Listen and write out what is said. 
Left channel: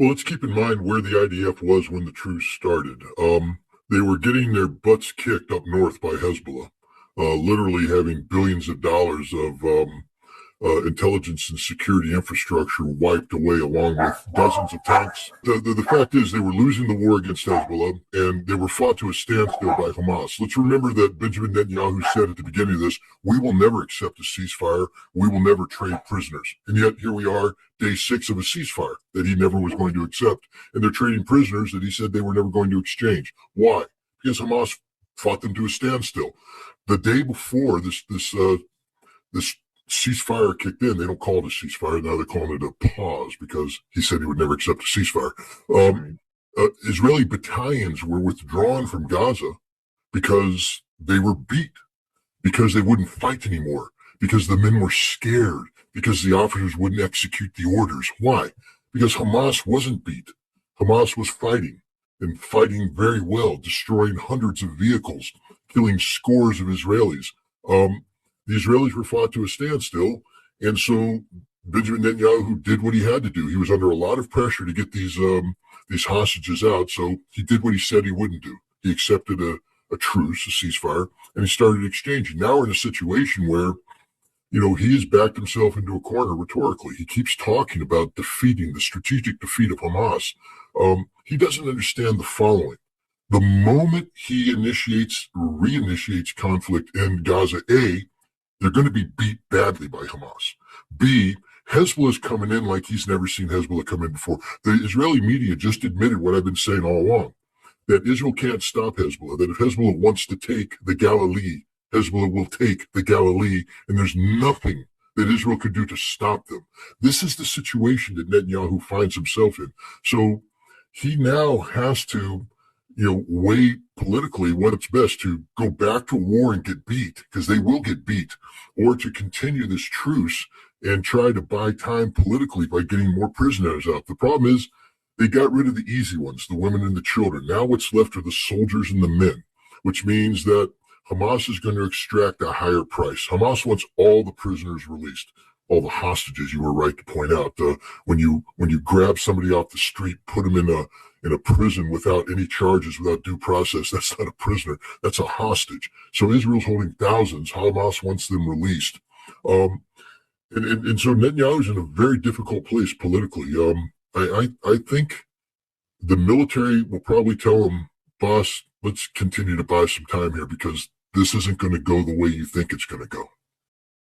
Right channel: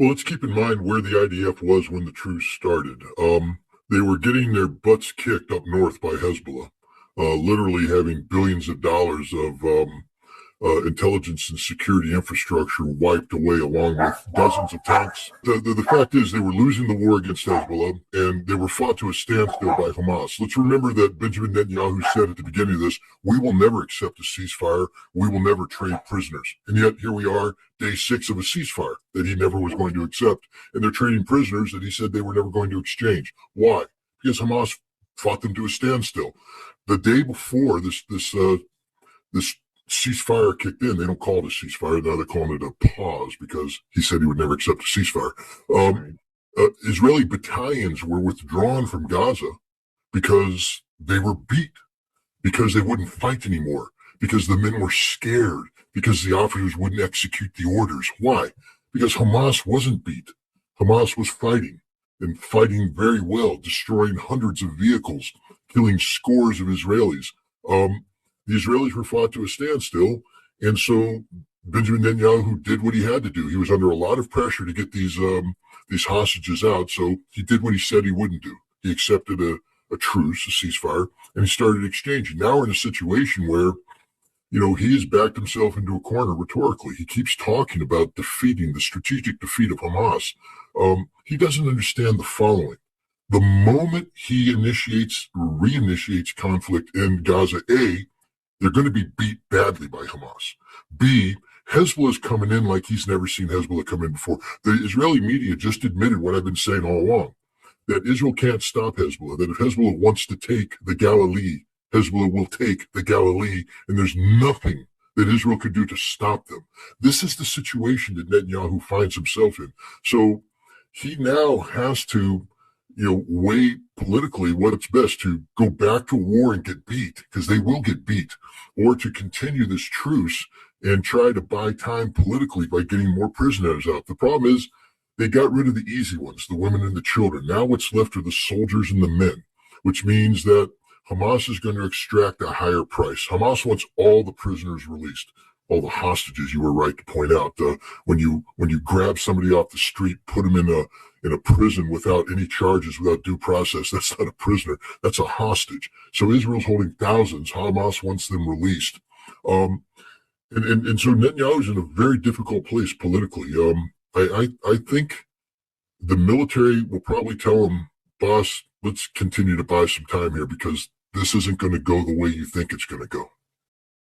Well, let's keep in mind where the IDF was when the truce started. They were getting their butts kicked up north by Hezbollah, literally having billions of dollars of intelligence and security infrastructure wiped away, along with dozens of tanks. The fact is, they were losing the war against Hezbollah, and they were fought to a standstill by Hamas. Let's remember that Benjamin Netanyahu said at the beginning of this, we will never accept a ceasefire. We will never trade prisoners. And yet here we are, day 6 of a ceasefire that he never was going to accept. And they're trading prisoners that he said they were never going to exchange. Why? Because Hamas fought them to a standstill. The day before this ceasefire kicked in, they don't call it a ceasefire. Now they're calling it a pause because he said he would never accept a ceasefire. Israeli battalions were withdrawn from Gaza because they were beat, because they wouldn't fight anymore, because the men were scared, because the officers wouldn't execute the orders. Why? Because Hamas wasn't beat. Hamas was fighting, and fighting very well, destroying hundreds of vehicles, killing scores of Israelis. The Israelis were fought to a standstill, and so Benjamin Netanyahu did what he had to do. He was under a lot of pressure to get these hostages out, so he did what he said he wouldn't do. He accepted a truce, a ceasefire, and he started exchanging. Now we're in a situation where, he has backed himself into a corner rhetorically. He keeps talking about defeating the strategic defeat of Hamas. He doesn't understand the following. The moment he reinitiates conflict in Gaza, A, they're going to be beat badly by Hamas. B, Hezbollah is coming in like he's never seen Hezbollah come in before. The Israeli media just admitted what I've been saying all along, that Israel can't stop Hezbollah, that if Hezbollah wants to take the Galilee, Hezbollah will take the Galilee, and there's nothing that Israel could do to stop them. This is the situation that Netanyahu finds himself in. So he now has to weigh politically what's best, to go back to war and get beat, because they will get beat, or to continue this truce and try to buy time politically by getting more prisoners out. The problem is they got rid of the easy ones, the women and the children. Now what's left are the soldiers and the men, which means that Hamas is going to extract a higher price. Hamas wants all the prisoners released, all the hostages. You were right to point out, when you grab somebody off the street, put them in a prison without any charges, without due process, that's not a prisoner, that's a hostage. So Israel's holding thousands. Hamas wants them released. And so Netanyahu's in a very difficult place politically. I think the military will probably tell him, boss, let's continue to buy some time here, because this isn't going to go the way you think it's going to go.